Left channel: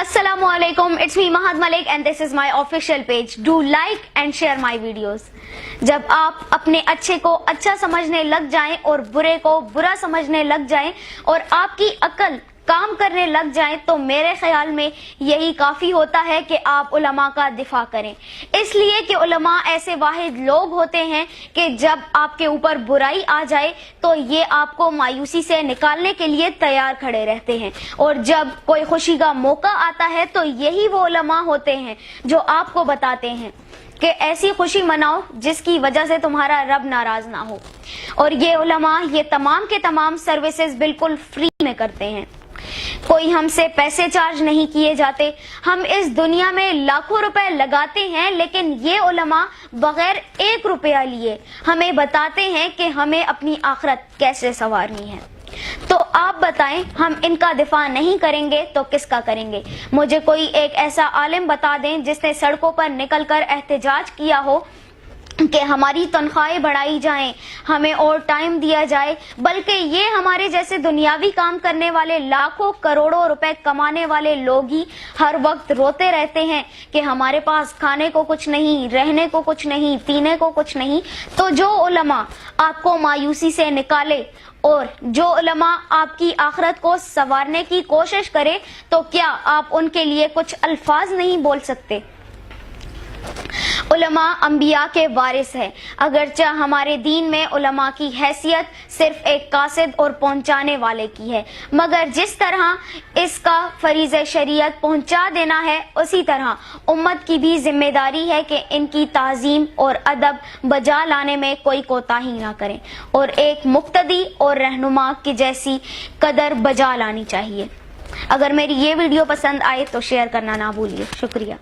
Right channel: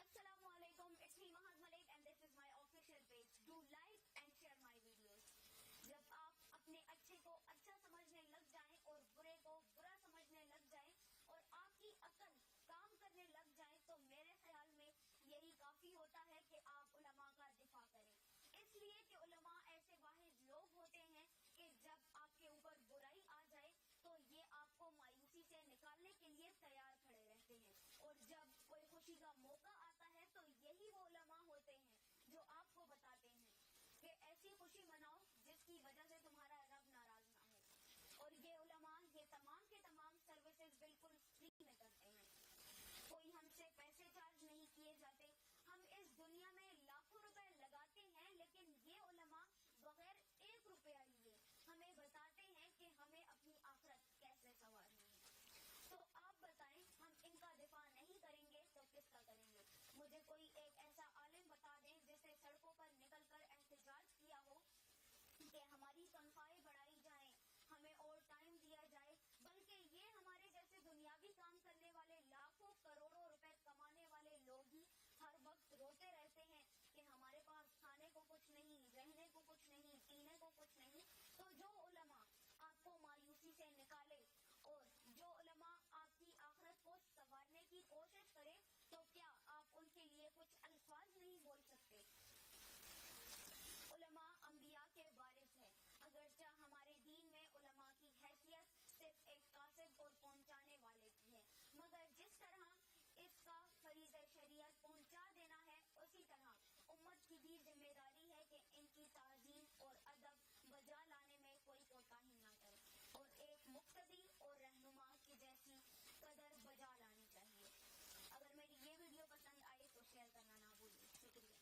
Assalamualaikum, it's me Mahad Malik and this is my official page. Do like and share my videos. जब आप अपने अच्छे को अच्छा समझने लग जाएं और बुरे को बुरा समझने लग जाएं और आपकी अक्ल काम करने लग जाएं तो मेरे ख्याल में यही काफी होता है कि आप उलमा का दिफा करें, इसलिए कि उलमा ऐसे वाहिद लोग होते हैं कि जब आपके ऊपर बुराई आ जाए तो ये आपको मायूसी से निकालने के लिए तैयार खड़े रहते हैं, और जब कोई खुशी का मौका आता है तो यही वो उलमा होते हैं जो आपको बताते हैं कि ऐसी खुशी मनाओ जिसकी वजह से तुम्हारा रब नाराज ना हो। और ये उलमा ये तमाम के तमाम सर्विसेज बिल्कुल फ्री में करते हैं, कोई हमसे पैसे चार्ज नहीं किए जाते। हम इस दुनिया में लाखों रुपए लगाते हैं, लेकिन ये उलमा बगैर 1 रुपया लिए हमें बताते हैं कि हमें अपनी आखिरत कैसे संवारनी है। तो आप बताएं, हम इनका दिफा नहीं करेंगे तो किसका करेंगे? मुझे कोई एक ऐसा आलिम बता दें जिसने सड़कों पर निकलकर एहतजाज किया हो कि हमारी तनख्वाहें बढ़ाई जाएं, हमें और टाइम दिया जाए, बल्कि ये हमारे जैसे दुनियावी काम करने वाले लाखों करोड़ों रुपए कमाने वाले लोग ही हर वक्त रोते रहते हैं कि हमारे पास खाने को कुछ नहीं, रहने को कुछ नहीं, पीने को कुछ नहीं। तो जो उलमा आपको मायूसी से निकाले और जो उलमा आपकी आखिरत को संवारने की कोशिश करे, तो क्या आप उनके लिए कुछ अल्फाज नहीं बोल सकते? उलमा अंबिया के वारिस है, अगरचे हमारे दीन में उलमा की हैसियत सिर्फ एक कासिद और पहुंचाने वाले की है, मगर जिस तरह इसका फरीज़ शरीयत पहुंचा देना है, उसी तरह उम्मत की भी जिम्मेदारी है कि इनकी ताज़ीम और अदब बजा लाने में कोई कोताही ना करें और एक मुक्तदी और रहनुमा की जैसी कदर बजा लानी चाहिए। अगर मेरी ये वीडियो पसंद आए तो शेयर करना ना भूलिए। शुक्रिया।